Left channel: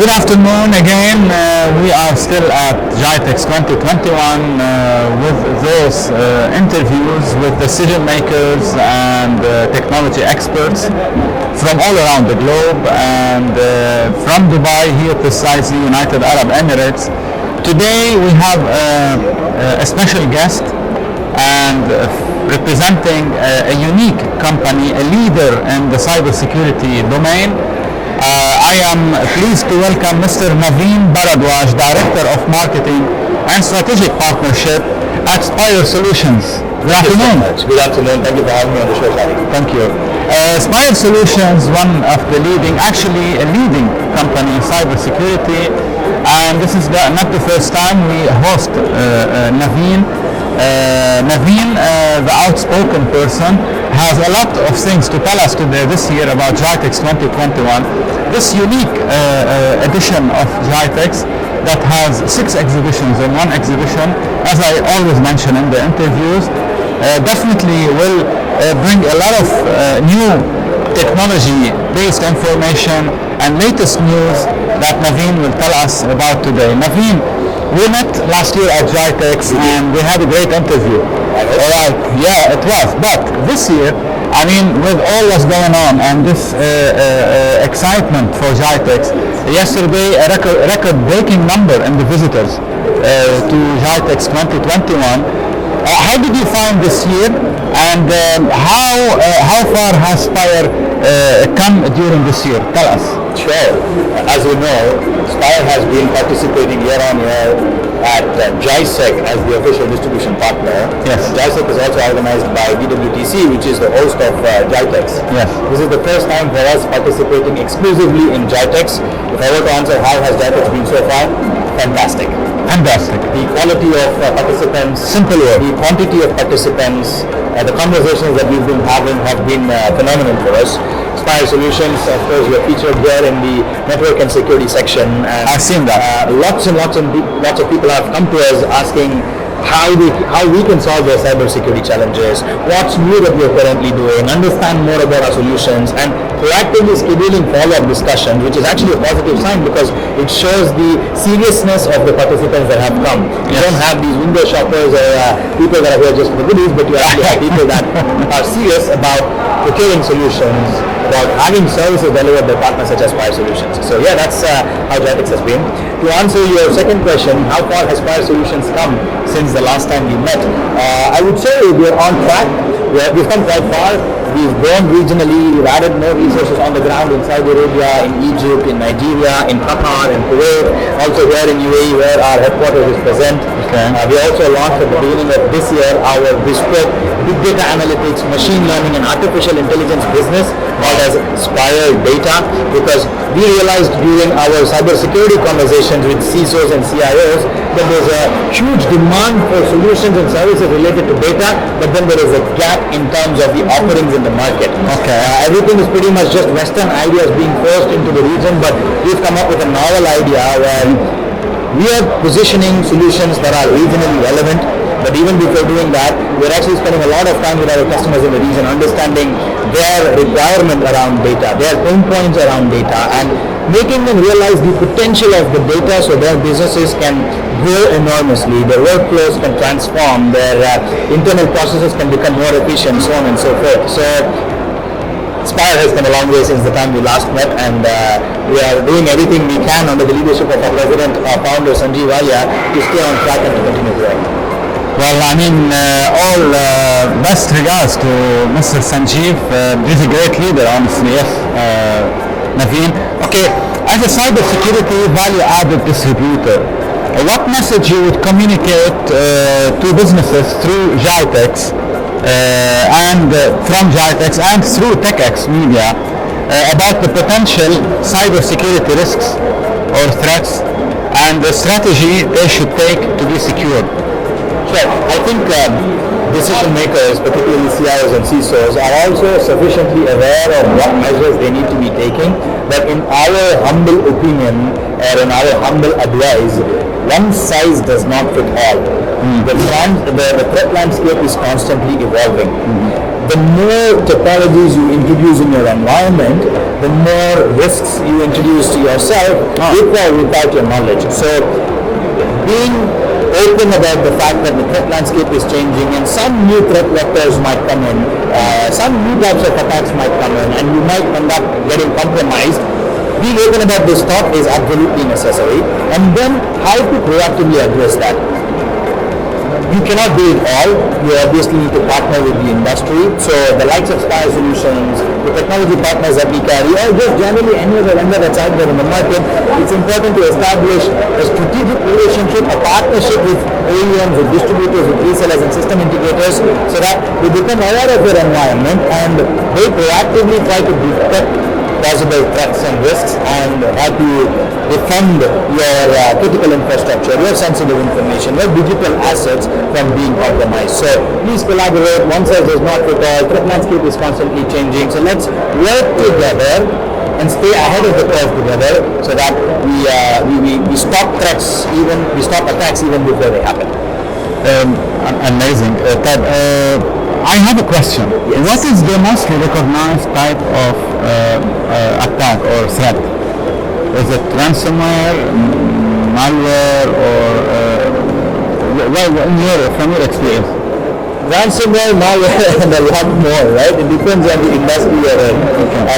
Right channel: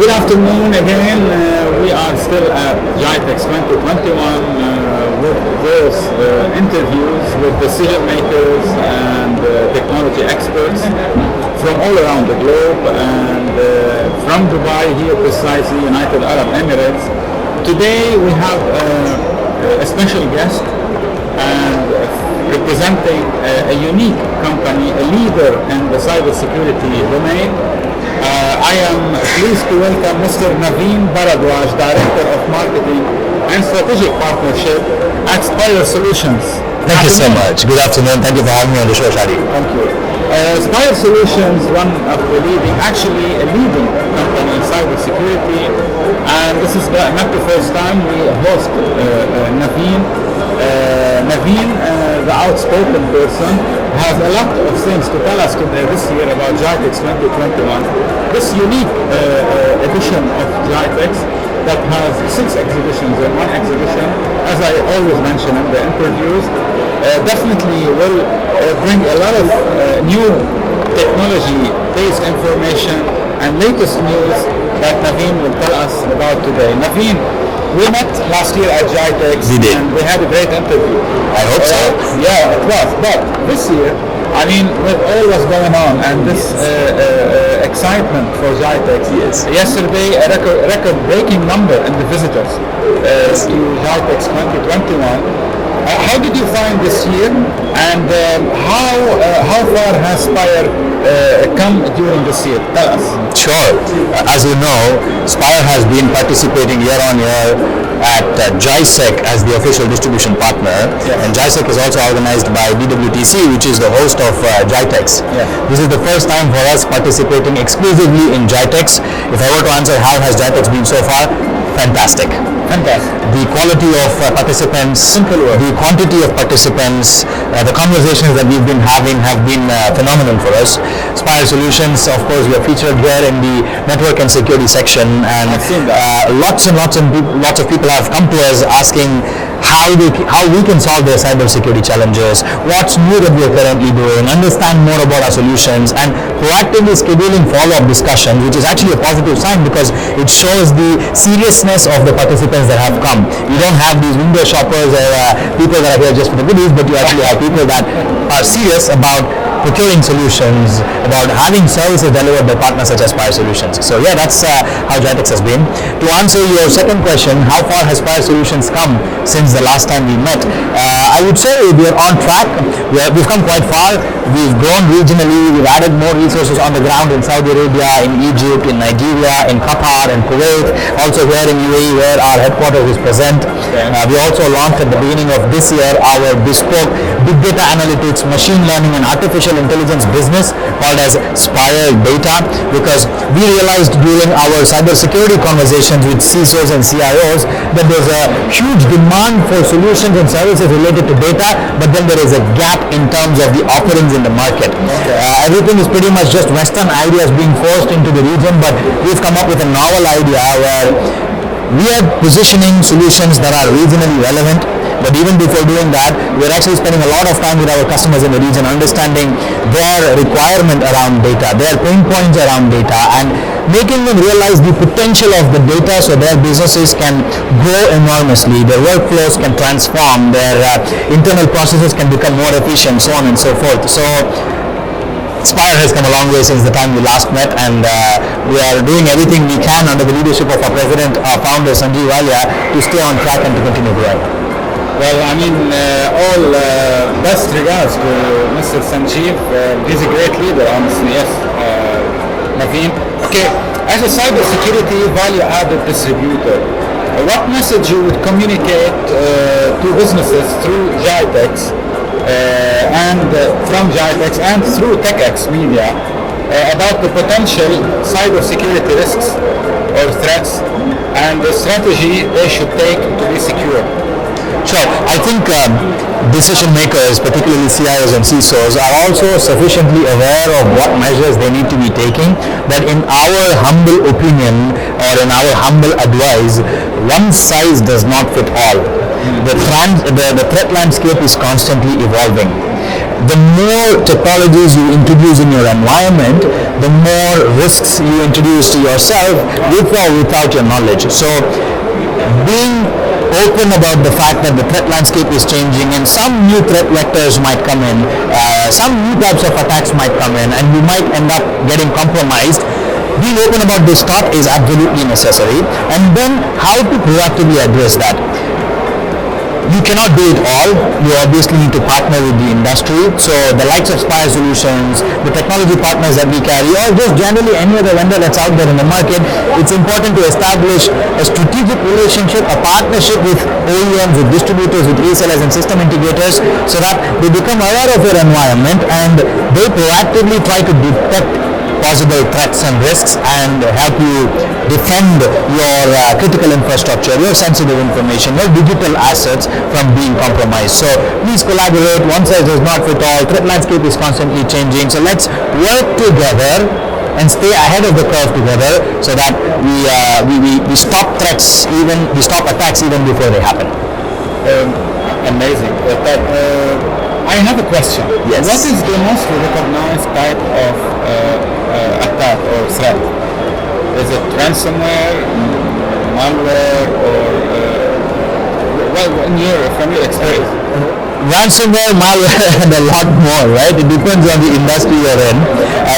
Good afternoon again. We are still at GITEX 2021 with those interviews with decision makers and technology experts from all around the globe and from Dubai here precisely, United Arab Emirates. Today we have a special guest and representing a unique company, a leader in the cybersecurity domain. I am pleased to welcome Mr. Naveen Bharadwaj, Director of Marketing and Strategic Partnership at Spire Solutions. Thank you so much. Good afternoon. Thank you for having me on the show, Shadi. Thank you. Spire Solutions, one of the leading, actually a leading company in cybersecurity, and this is not the first time we host Naveen. Naveen, the outspoken person, has a lot of things to tell us today this year about GITEX 2021. This unique edition of GITEX that has 6 exhibitions in one exhibition, as I always mention in the interviews, definitely will bring a lot of new technology-based information and latest news that Naveen will tell us about today. Naveen, we met last year at GITEX and we had a great interview. I hope so. Yeah, it was. But this year, I mean, with all what's going on and this excitement for GITEX, yesterday a record-breaking number in the visitors to GITEX 2021. How did you find this year, and how far has Spire come during this year? Tell us. Sure. As you know, Spire has been participating year on year at GITEX as the official distribution partner. Yes. And GITEX is also organized by BWTC, which is the host of GITEX. Yes. This is the first time for us participating exclusively in GITEX. If I were to answer how has GITEX been so far, fantastic. Fantastic. The quality of participants, the quantity of participants, the conversations that we've been having have been phenomenal for us. Spire Solutions, of course, we are featured here in the network and security section, and I've seen that. Lots of people have come to us asking how we can solve their cybersecurity challenges, what's new that we're currently doing, understand more about our solutions, and proactively scheduling follow-up discussions, which is actually a positive sign because it shows the seriousness of the participants that have come. You don't have these window shoppers or people that are here just for the goodies, but you actually have people that are serious about procuring solutions, about having services delivered by partners such as Spire Solutions. So yeah, that's how GITEX has been. To answer your second question, how far has Spire Solutions come since the last time we met? I would say we are on track. We've come quite far. We've grown regionally. We've added more resources on the ground in Saudi Arabia, in Egypt, in Nigeria, in Qatar, in Kuwait, also here in UAE where our headquarters is present. We also launched at the beginning of this year our bespoke big data analytics, machine learning and artificial intelligence business called as Spire Data, because we realized during our cybersecurity conversations with CISOs and CIOs that there's a huge demand for solutions and services related to data, but then there is a gap in terms of the offerings in the market. Everything is pretty much just Western ideas being forced into the region, but we've come up with a novel idea where we are positioning solutions that are regionally relevant. But even before doing that, we're actually spending a lot of time with our customers in the region, understanding their requirement around data, their pain points around data, and making them realize the potential of the data so their businesses can grow enormously, their workflows can transform, their internal processes can become more efficient, so on and so forth. So Spire has come a long way since the time we last met, and we are doing everything we can under the leadership of our president, our founder Sanjeev Alia, to stay on track and to continue growing. Well, I mean, all best regards to Mr. Sanjeev. He's a great leader, honestly, yes, Naveen. Okay, as a cybersecurity value-added distributor, what message you would communicate to businesses through GITEX and from GITEX and through TECHx Media about the potential cybersecurity risks or threats and the strategy they should take to be secure? Sure. I think decision makers, particularly CIOs and CISOs, are also sufficiently aware of what measures they need to be taking, that in our humble opinion or in our humble advice, one size does not fit all. The threat landscape is constantly evolving. The more technologies you introduce in your environment, the more risks you introduce to yourself with or without your knowledge. So being open about the fact that the threat landscape is changing and some new threat vectors might come in, some new types of attacks might come in, and you might end up getting compromised. Being open about this stuff is absolutely necessary, and then how to proactively address that. You cannot do it all. You obviously need to partner with the industry. So the likes of Spire Solutions, the technology partners that we carry, or just generally any other vendor that's out there in the market, it's important to establish a strategic relationship, a partnership with OEMs, with distributors, with resellers and system integrators, so that they become aware of your environment and they proactively try to detect possible threats and risks and help you defend your critical infrastructure, your sensitive information, your digital assets from being compromised. So please collaborate. One size does not fit all. Threat landscape is constantly changing. So let's work together and stay ahead of the curve together, so that we stop threats, we stop attacks even before they happen. Amazing. Ted, I have a question. Yes. What is the most recognized type of attack or threat? Is it ransomware, malware, or from your experience? Ransomware, malware, and a lot more, right? It depends on the industry you're in.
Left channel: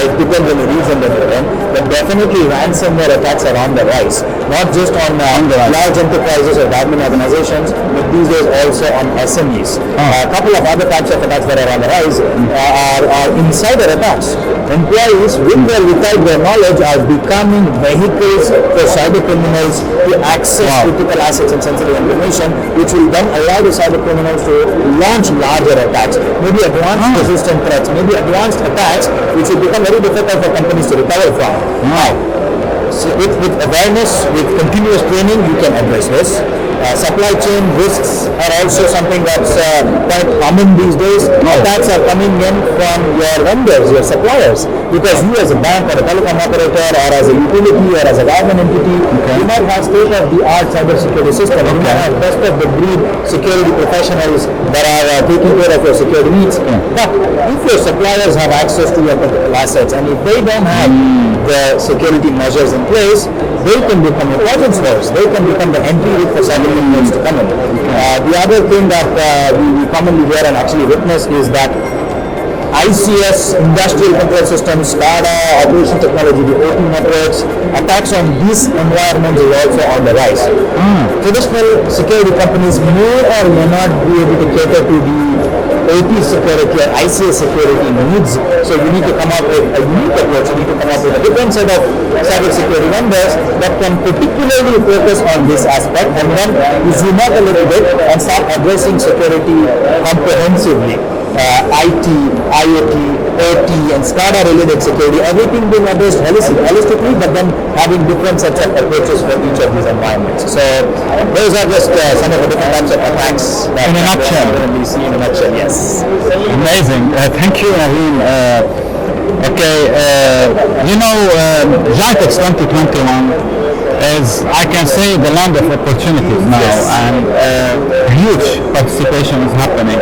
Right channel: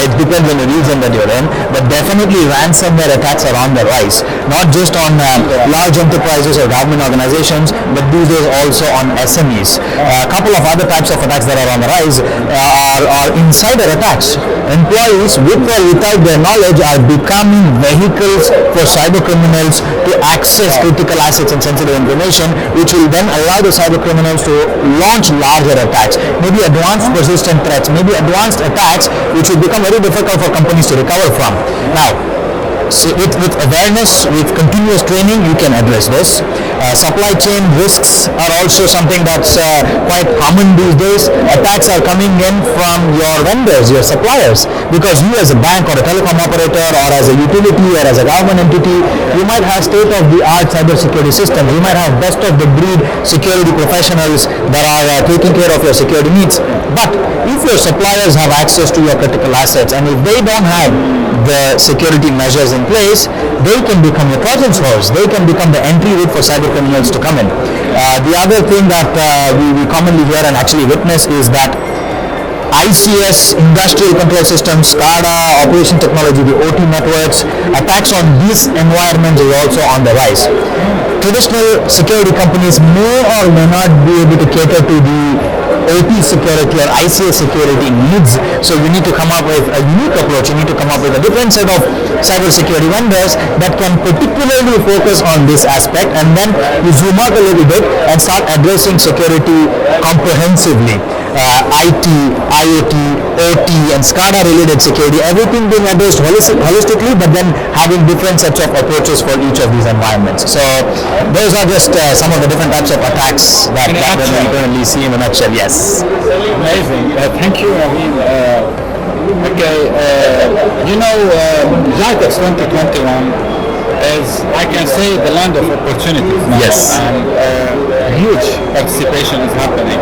It depends on the region that you're in. But definitely ransomware attacks are on the rise. Not just on large enterprises or government organizations, but these days also on SMEs. A couple of other types of attacks that are on the rise are insider attacks. Employees, with or without their knowledge, are becoming vehicles for cyber criminals to access critical assets and sensitive information, which will then allow the cyber criminals to launch larger attacks, maybe advanced persistent threats, maybe advanced attacks, which will become very difficult for companies to recover from. Now, so with awareness, with continuous training, you can address this. Supply chain risks are also something that's quite common these days. Attacks are coming in from your vendors, your suppliers, because you as a bank or a telecom operator or as a utility or as a government entity, you might have state-of-the-art cybersecurity system. You might have best-of-the-breed security professionals that are taking care of your security needs. But if your suppliers have access to your critical assets, and if they don't have the security measures in place, they can become a Trojan horse. They can become the entry route for cyber criminals to come in. The other thing that we commonly hear and actually witness is that ICS, industrial control systems, SCADA, operation technology, the OT networks, attacks on these environments is also on the rise. Traditional security companies may or may not be able to cater to the OT security or ICS security needs. So you need to come up with a unique approach. You need to come up with a different set of cybersecurity vendors that can particularly focus on this aspect, and then you zoom out a little bit and start addressing security comprehensively. IT, IoT, OT, and SCADA related security, everything being addressed holistically, but then having different sets of approaches for each of these environments. So those are just some of the different types of attacks that we currently see in a nutshell. Yes. Amazing. Thank you, Naveen. GITEX 2021 is, I can say, the land of opportunities now, and huge participation is happening.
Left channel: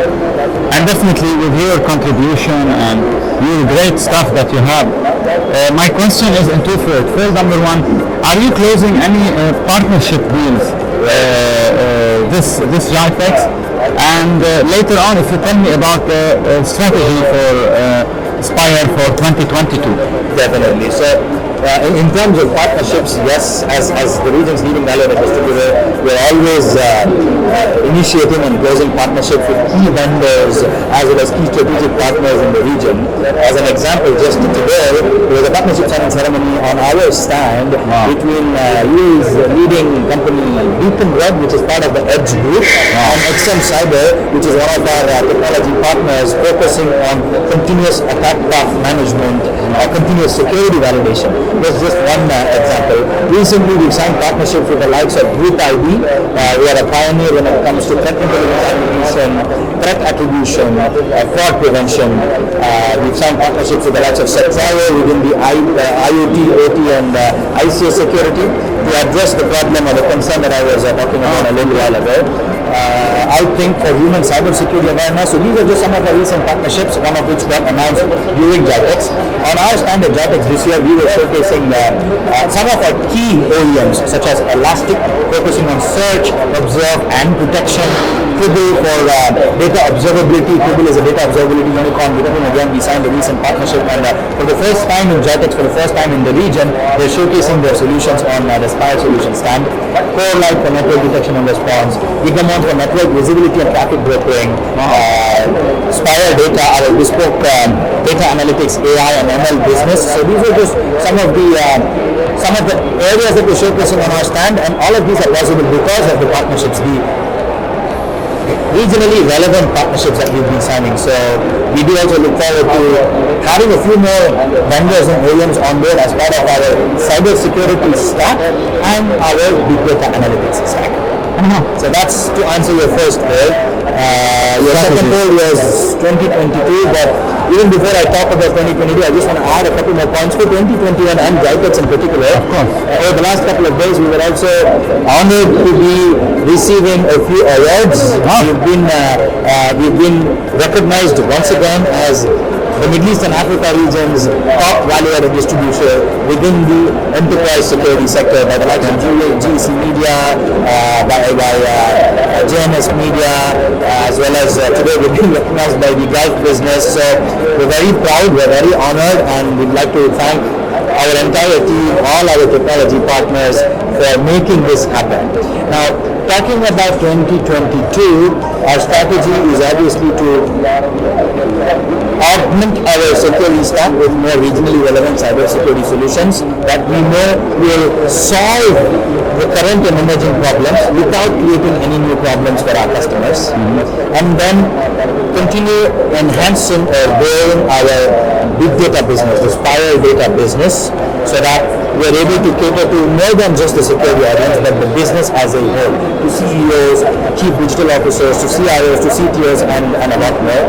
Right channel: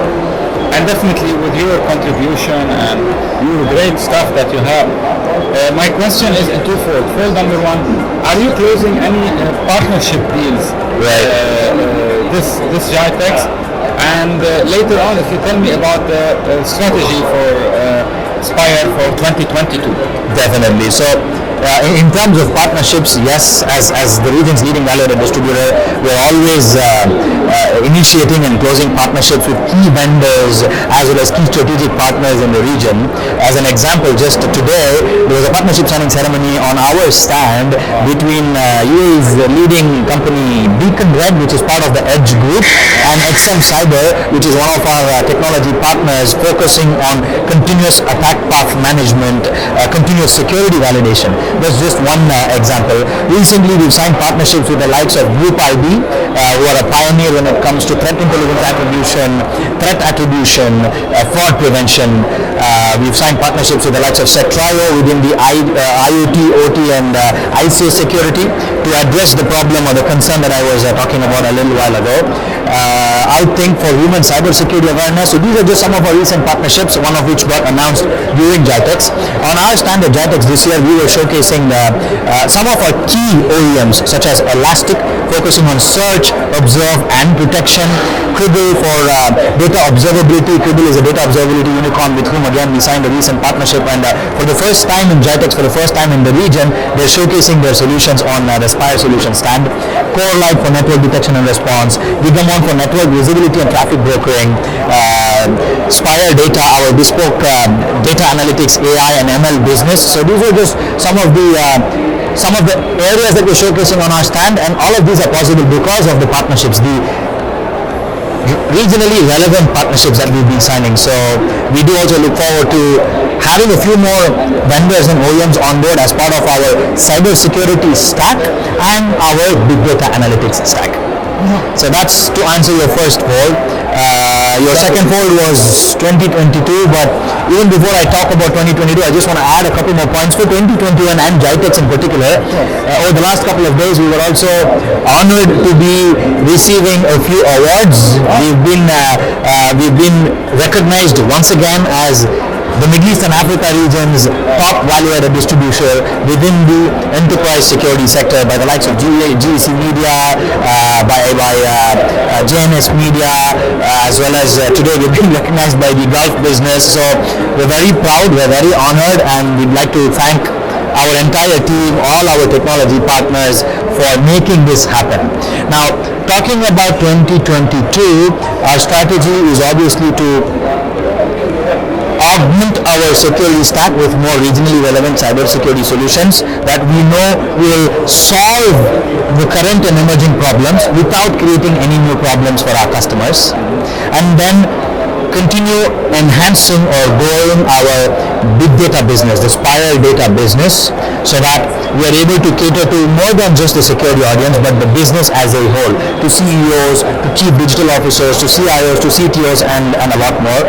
And definitely with your contribution and your great stuff that you have, my question is in twofold. Field number one, are you closing any partnership deals this GITEX? And later on, if you tell me about the strategy for Spire for 2022. Definitely. So in terms of partnerships, yes, as the region's leading value-added distributor, we're always initiating and closing partnerships with key vendors as well as key strategic partners in the region. As an example, just today, there was a partnership signing ceremony on our stand between UAE's leading company Beacon Red, which is part of the Edge Group, and XM Cyber, which is one of our technology partners focusing on continuous attack path management, continuous security validation. That's just one example. Recently, we've signed partnerships with the likes of Group ID, who are a pioneer when it comes to threat intelligence attribution, threat attribution, fraud prevention. We've signed partnerships with the likes of Cetroyo within the IoT, OT, and ICO security to address the problem or the concern that I was talking about a little while ago. I think for human cybersecurity awareness, so these are just some of our recent partnerships, one of which got announced during GITEX. On our stand at GITEX this year, we were showcasing some of our key OEMs, such as Elastic, focusing on search, observe, and protection. Cribble for data observability. Cribble is a data observability unicorn with whom again we signed a recent partnership, and for the first time in GITEX, for the first time in the region, they're showcasing their solutions on the Spire Solutions stand. Core Light for network detection and response. Gigamon for network visibility and traffic brokering. Spire Data, our bespoke data analytics, AI and ML business. So these are just some of the areas that we're showcasing on our stand, and all of these are possible because of the partnerships, the regionally relevant partnerships that we've been signing. So we do also look forward to having a few more vendors and OEMs on board as part of our cybersecurity stack and our big data analytics stack. So that's to answer your first poll. Your second poll was 2022, but even before I talk about 2022, I just want to add a couple more points for 2021 and GITEX in particular. Over the last couple of days, we were also honored to be receiving a few awards. We've been recognized once again as the Middle East and Africa region's top value-added distributor within the enterprise security sector by the likes of GITEX Media, by GITEX Media, as well as today we've been recognized by the Gulf business. So we're very proud, we're very honored, and we'd like to thank our entire team, all our technology partners for making this happen. Now, talking about 2022, our strategy is obviously to augment our security stack with more regionally relevant cybersecurity solutions that we know will solve the current and emerging problems without creating any new problems for our customers, and then continue enhancing or growing our big data business, the Spire data business, so that we're able to cater to more than just the security audience, but the business as a whole, to CEOs, to chief digital officers, to CIOs, to CTOs, and a lot more.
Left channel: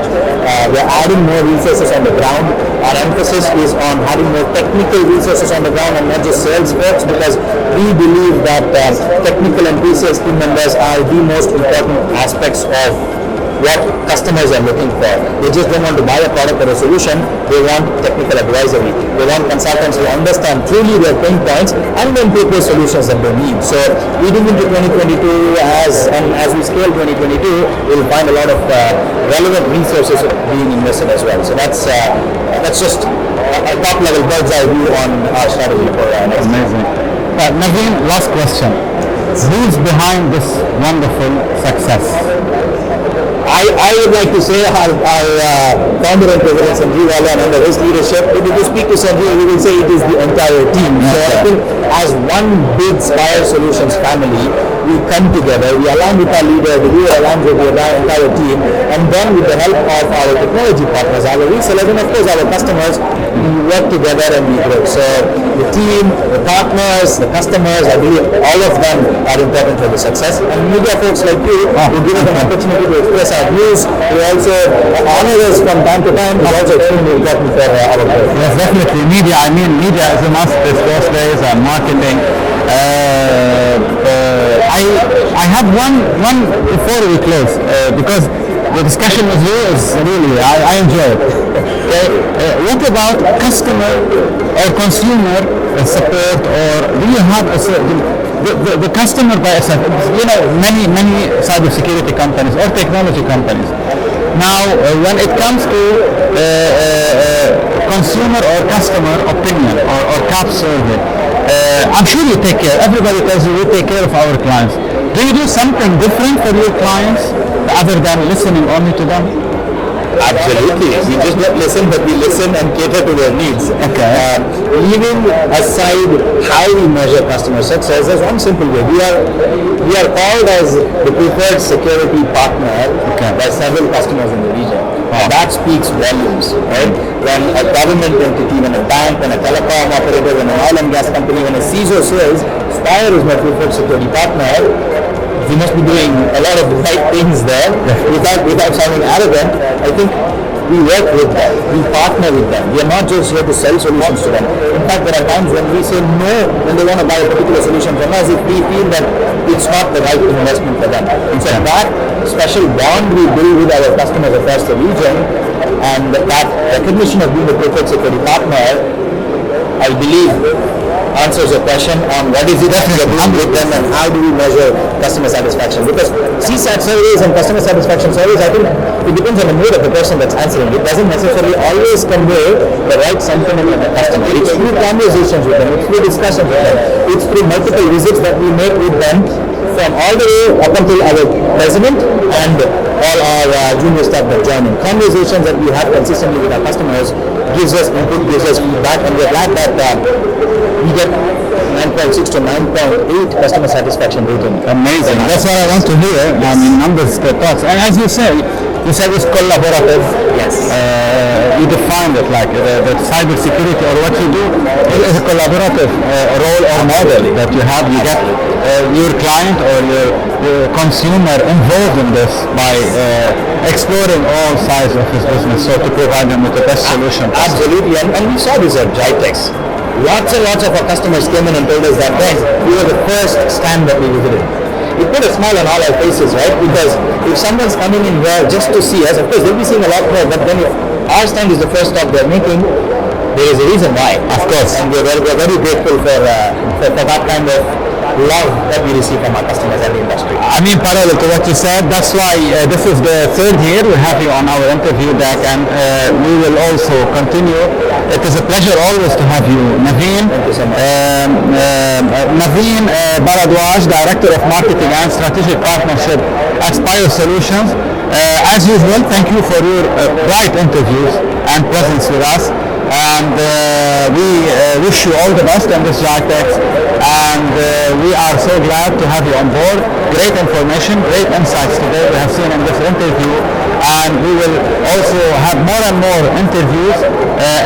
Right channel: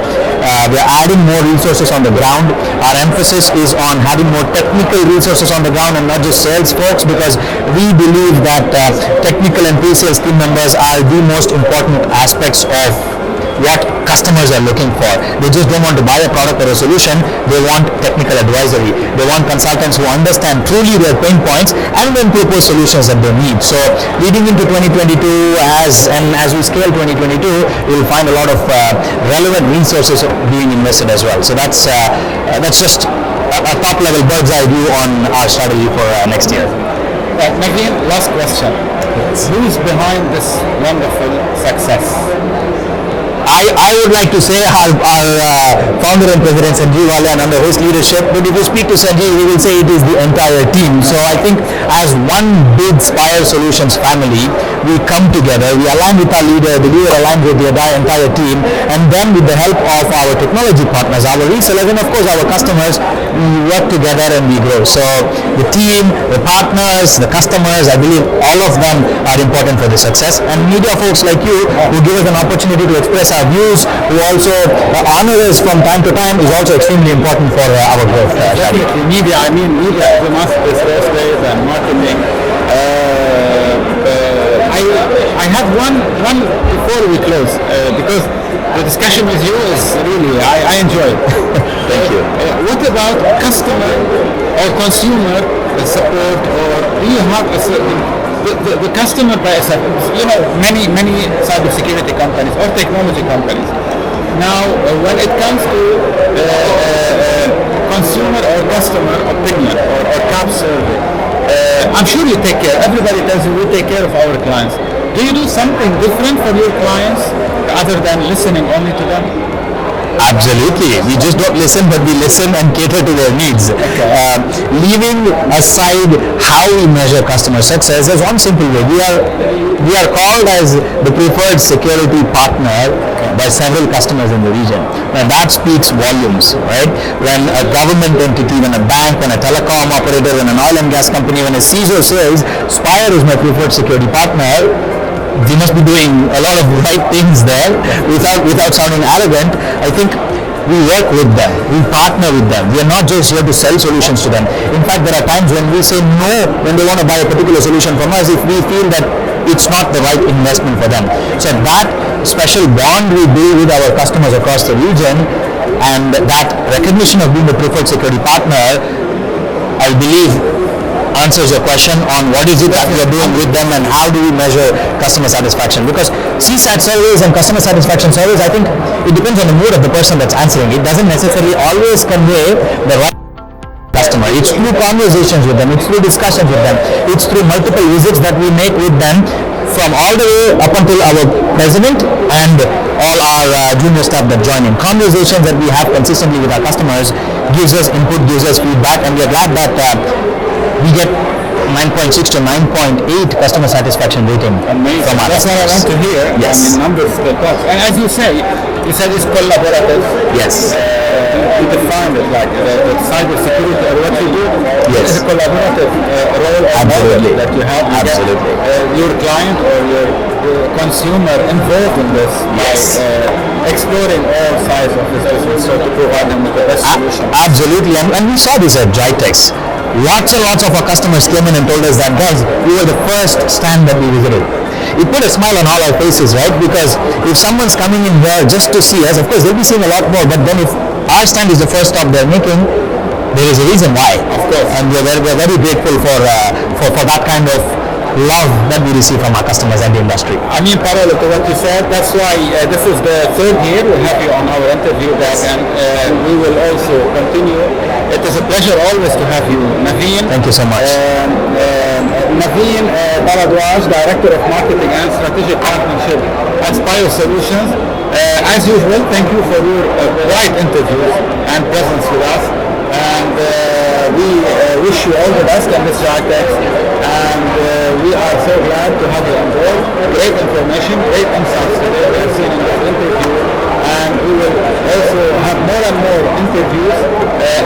We're adding more resources on the ground. Our emphasis is on having more technical resources on the ground and not just sales folks, because we believe that technical and pre-sales team members are the most important aspects of what customers are looking for. They just don't want to buy a product or a solution, they want technical advisory. They want consultants who understand truly their pain points and then propose solutions that they need. So leading into 2022, as we scale 2022, we'll find a lot of relevant resources being invested as well. So that's just a top level bird's eye view on our strategy for next year. Naveen, last question. Who's behind this wonderful success? I would like to say our founder and president Sanjeev Wala, and under his leadership, but if you speak to Sanjeev, we will say it is the entire team. So I think as one big Spire Solutions family, we come together, we align with our leader, the leader aligns with the entire team, and then with the help of our technology partners, our resellers, and of course our customers, we work together and we grow. So the team, the partners, the customers, I believe all of them are important for the success. And media folks like you who give us an opportunity to express our views, who also honor us from time to time, is also extremely important for our growth. Definitely, media. I mean, media is a must these days, and marketing. I had one before we close, because the discussion with you is really, I enjoy it. What about customer or consumer support, or do you have the customer by itself? You know, many cybersecurity companies or technology companies. Now, when it comes to consumer or customer opinion or CAP survey, I'm sure you take care. Everybody tells you we take care of our clients. Do you do something different for your clients other than listening only to them? Absolutely. We just don't listen, but we listen and cater to their needs. Okay. Leaving aside how we measure customer success, there's one simple way. We are called as the preferred security partner by several customers in the region. And that speaks volumes, right? When a government entity, when a bank, when a telecom operator, when an oil and gas company, when a CISO says, Spire is my preferred security partner, we must be doing a lot of right things there without sounding arrogant. I think we work with them, we partner with them. We are not just here to sell solutions to them. In fact, there are times when we say no when they want to buy a particular solution from us if we feel that it's not the right investment for them. So that special bond we build with our customers across the region and that recognition of being a preferred security partner, I believe, answers your question on what is it that we are doing with them and how do we measure customer satisfaction. Because CSAT surveys and customer satisfaction surveys, I think it depends on the mood of the person that's answering. It doesn't necessarily always convey the right sentiment of the customer. It's through conversations with them, it's through discussions with them, it's through multiple visits that we make with them from all the way up until our president and all our junior staff that join in. Conversations that we have consistently with our customers gives us input, gives us feedback, and we are glad that we get 9.6 to 9.8 customer satisfaction rating. Amazing. That's what I want to hear. Yes. I mean, numbers that talks. And as you said it's collaborative. Yes. You defined it like the cybersecurity or what you do. It is a collaborative role or model that you have to get your client or your consumer involved in this by exploring all sides of his business, so to provide them with the best solution. Absolutely, and we saw this at GITEX. Lots and lots of our customers came in and told us that, guys, we were the first stand that we visited. It put a smile on all our faces, right? Because if someone's coming in here just to see us, of course they'll be seeing a lot more, but then if our stand is the first stop they're making, there is a reason why, of course, and we're very grateful for that kind of love that we receive from our customers and the industry. I mean, parallel to what you said, that's why this is the third year we have you on our interview deck, and we will also continue. It is a pleasure always to have you, Naveen. Thank you so much. Naveen Bharadwaj, Director of Marketing and Strategic Partnership at Spire Solutions. As usual, thank you for your bright interviews and presence with us. And we wish you all the best in this GITEX, and we are so glad to have you on board. Great information, great insights today we have seen in this interview, and we will also have more and more interviews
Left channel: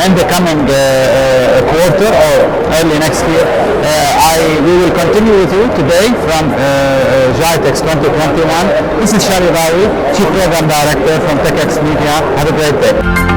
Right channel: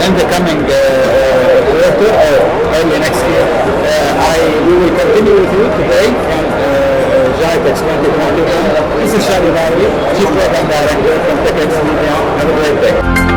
in the coming quarter or early next year. We will continue with you today from GITEX 2021. This is Shari Rawi, Chief Program Director from TechxMedia. Have a great day.